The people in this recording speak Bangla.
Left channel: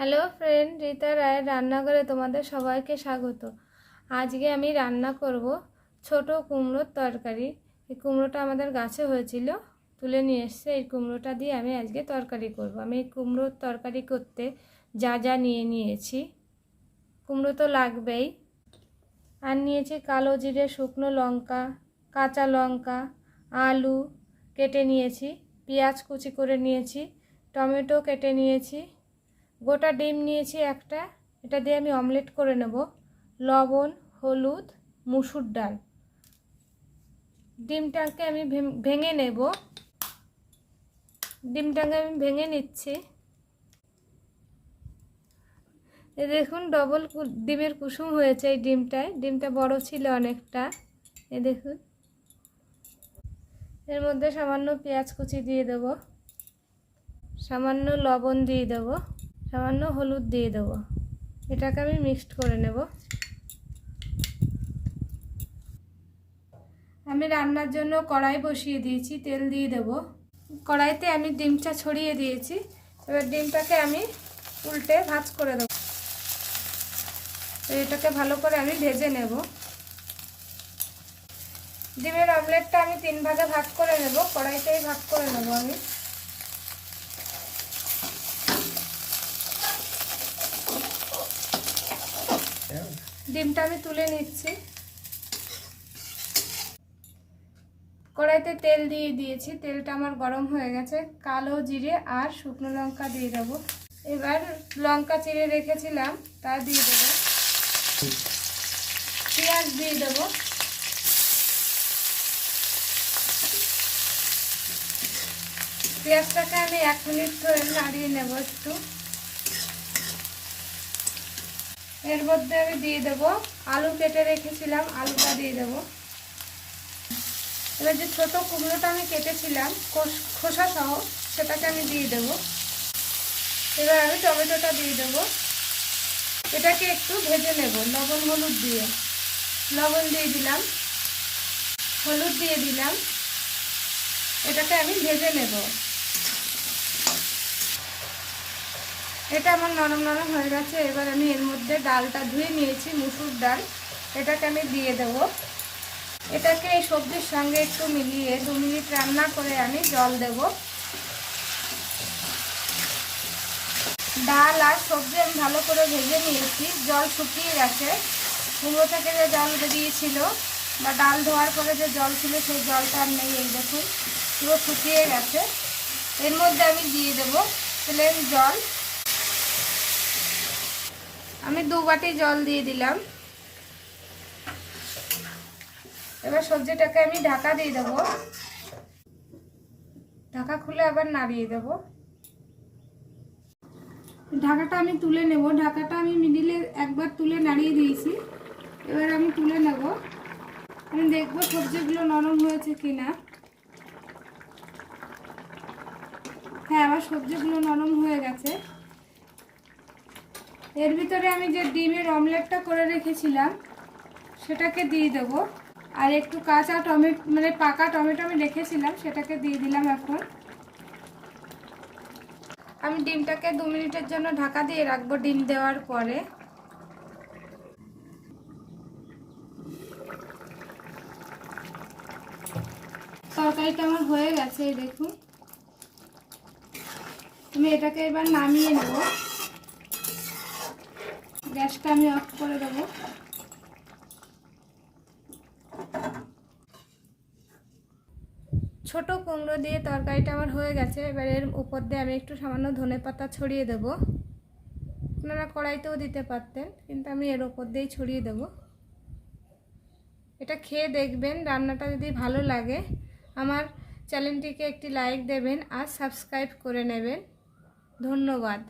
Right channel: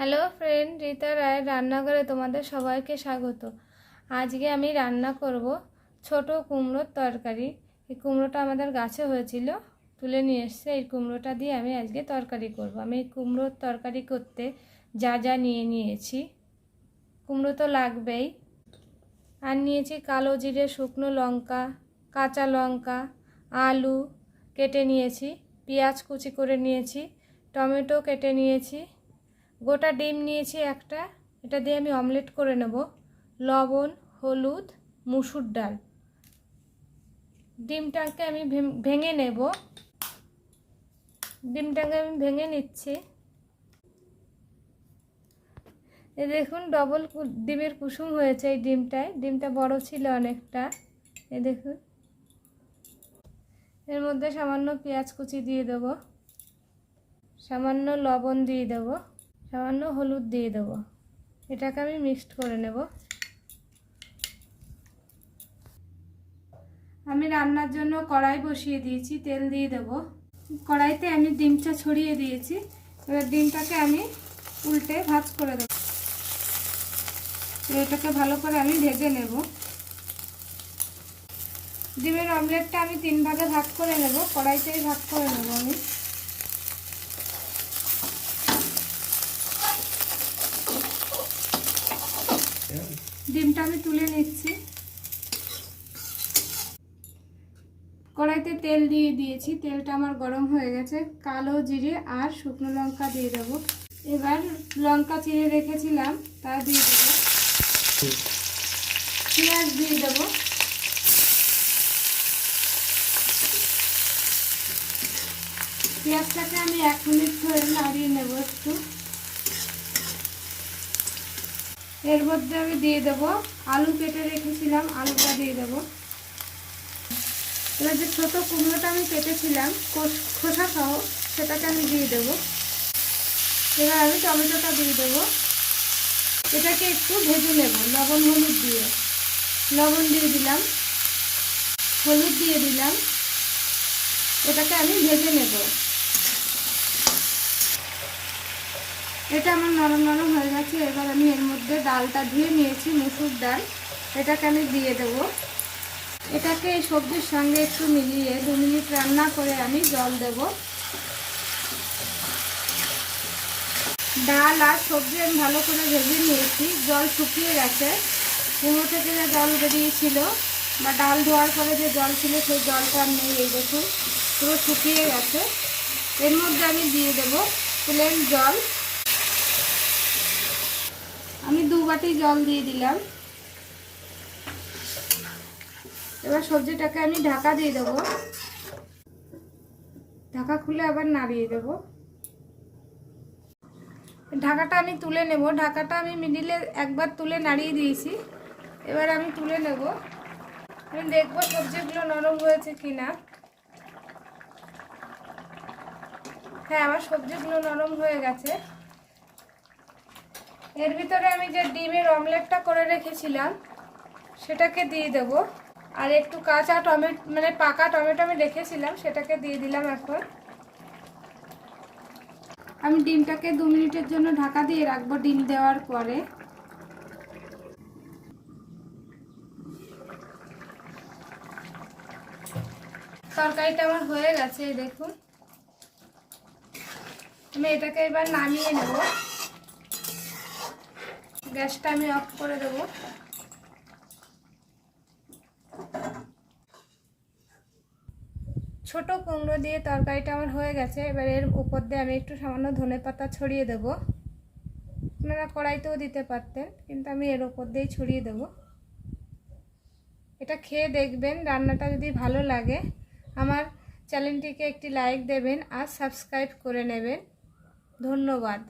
হ্যালো ফ্রেন্ড রীতা রায়ের রান্নাঘরে তোমাদের সবাইকে স্বাগত। আজকে আমি রান্না করব ছোট কুমড়োর তরকারি। এই কুমড়োটা আমাদের গাছে হয়েছিল, তুলে নিয়ে এসছে। এই কুমড়োটা দিয়ে আমি আজকে তরকারি করব। আমি এই কুমড়োর তরকারি করতে যা যা নিয়ে নিয়েছি। কুমড়ো তো লাগবেই। আর নিয়েছি কালো জিরে, শুকনো লঙ্কা, কাঁচা লঙ্কা, আলু কেটে নিয়েছি, পেঁয়াজ কুচি করে নিয়েছি, টমেটো কেটে নিয়েছি গোটা ডিম নিয়েছি একটা। এটা দিয়ে আমি অমলেট করে নেব। লবণ, হলুদ, মুসুর ডাল। ডিমটাকে আমি ভেঙে নেব। ডিমটাকে আমি ভেঙে নিচ্ছি। এ দেখুন ডবল ডিমের কুসুম হয়েছে এই ডিমটায়। ডিমটা বড় ছিল অনেকটা। এ দেখুন। এর মধ্যে সামান্য পেঁয়াজ কুচি দিয়ে দেবো। সামান্য লবণ দিয়ে দেবো। সামান্য হলুদ দিয়ে দেবো। এটাকে আমি মিক্সড করে নেব। আমি রান্নার জন্য কড়াই বসিয়ে দিয়েছি, তেল দিয়ে দেব। কড়াইতে আমি ডিমটা ছড়িয়ে দিয়েছি। এবার ডিমটাকে আমি উল্টে ভাজ করে দেবো। এটাকে ভালো করে আমি ভেজে নেব। ডিমের অমলেটটা আমি তিন ভাগে ভাগ করে নেব। কড়াইতেই ভাগ করে নেব আমি। ডিমটা আমি তুলে নিচ্ছি। কড়াইতে তেল দিয়ে দিয়েছি। তেলটা আমার গরম হয়ে গেছে। কালো জিরে আর শুকনো লঙ্কা দিয়ে দেবো। এবার লঙ্কা চিড়ে রেখেছিলাম, তা দিয়ে দেবো। পেঁয়াজ দিয়ে দেবো। পেঁয়াজটাকে আমি এক মিনিট ধরে নাড়িয়ে নেব একটু। এর মধ্যে আমি দিয়ে দেবো আলু কেটে রেখেছিলাম, আলুটা দিয়ে দেবো। এবার যে ছোটো কুমড়োটা আমি কেটেছিলাম খোস- সহ, সেটাকে আমি দিয়ে দেবো। এবার আমি টমেটোটা দিয়ে দেবো। এটাকে একটু ভেজে নেব, লবণ, হলুদ দিয়ে। লবণ দিয়ে দিলাম, হলুদ দিয়ে দিলাম। এটাকে আমি ভেজে নেব। এটা আমার নরম নরম হয়ে গেছে। এবার আমি এর মধ্যে ডালটা ধুয়ে নিয়েছি মুসুর ডাল। এটাকে আমি দিয়ে দেব। এটাকে এই সবজির সঙ্গে একটু মিলিয়ে দু মিনিট রান্না করে আমি জল দেব। ডাল আর সবজি আমি ভালো করে ভেজে নিয়েছি। জল শুকিয়ে গেছে। কুমড়ো থেকে যে জল বেরিয়েছিল বা ডাল ধোয়ার পরে যে জল ছিল, সেই জলটা আর নেই এই দেখুন। পুরো শুকিয়ে গেছে। এর মধ্যে আমি দিয়ে দেবো প্লেন জল। আমি দু বাটি জল দিয়ে দিলাম। এবার সবজিটাকে আমি ঢাকা দিয়ে দেবো। ঢাকা খুলে আবার নাড়িয়ে দেব। ঢাকাটা আমি তুলে নেব। ঢাকাটা আমি মিডিলে একবার তুলে নাড়িয়ে দিয়েছি। এবার আমি তুলে নেব। আমি দেখব সবজিগুলো নরম হয়েছে কিনা। হ্যাঁ আমার সবজিগুলো নরম হয়ে গেছে। এর ভিতরে আমি যে ডিমের অমলেটটা করে রেখেছিলাম, সেটাকে দিয়ে দেবো। আর একটু কাঁচা টমেটো মানে পাকা টমেটো আমি রেখেছিলাম, সেটাকে দিয়ে দিলাম এখন। আমি ডিমটাকে দু মিনিটের জন্য ঢাকা দিয়ে রাখব ডিম দেওয়ার পরে। তরকারিটা আমার হয়ে গেছে দেখুন। আমি এটাকে এবার নামিয়ে নেব। গ্যাসটা আমি অফ করে দেবো। ছোট কুমড়ো দিয়ে তরকারিটা আমার হয়ে গেছে। এবার এর উপর দিয়ে আমি একটু সামান্য ধনে পাতা ছড়িয়ে দেব। আপনারা কড়াইতেও দিতে পারতেন, কিন্তু আমি এর উপর দিয়েই ছড়িয়ে দেব। এটা খেয়ে দেখবেন, রান্নাটা যদি ভালো লাগে, আমার চ্যানেলটিকে একটি লাইক দেবেন আর সাবস্ক্রাইব করে নেবেন। ধন্যবাদ।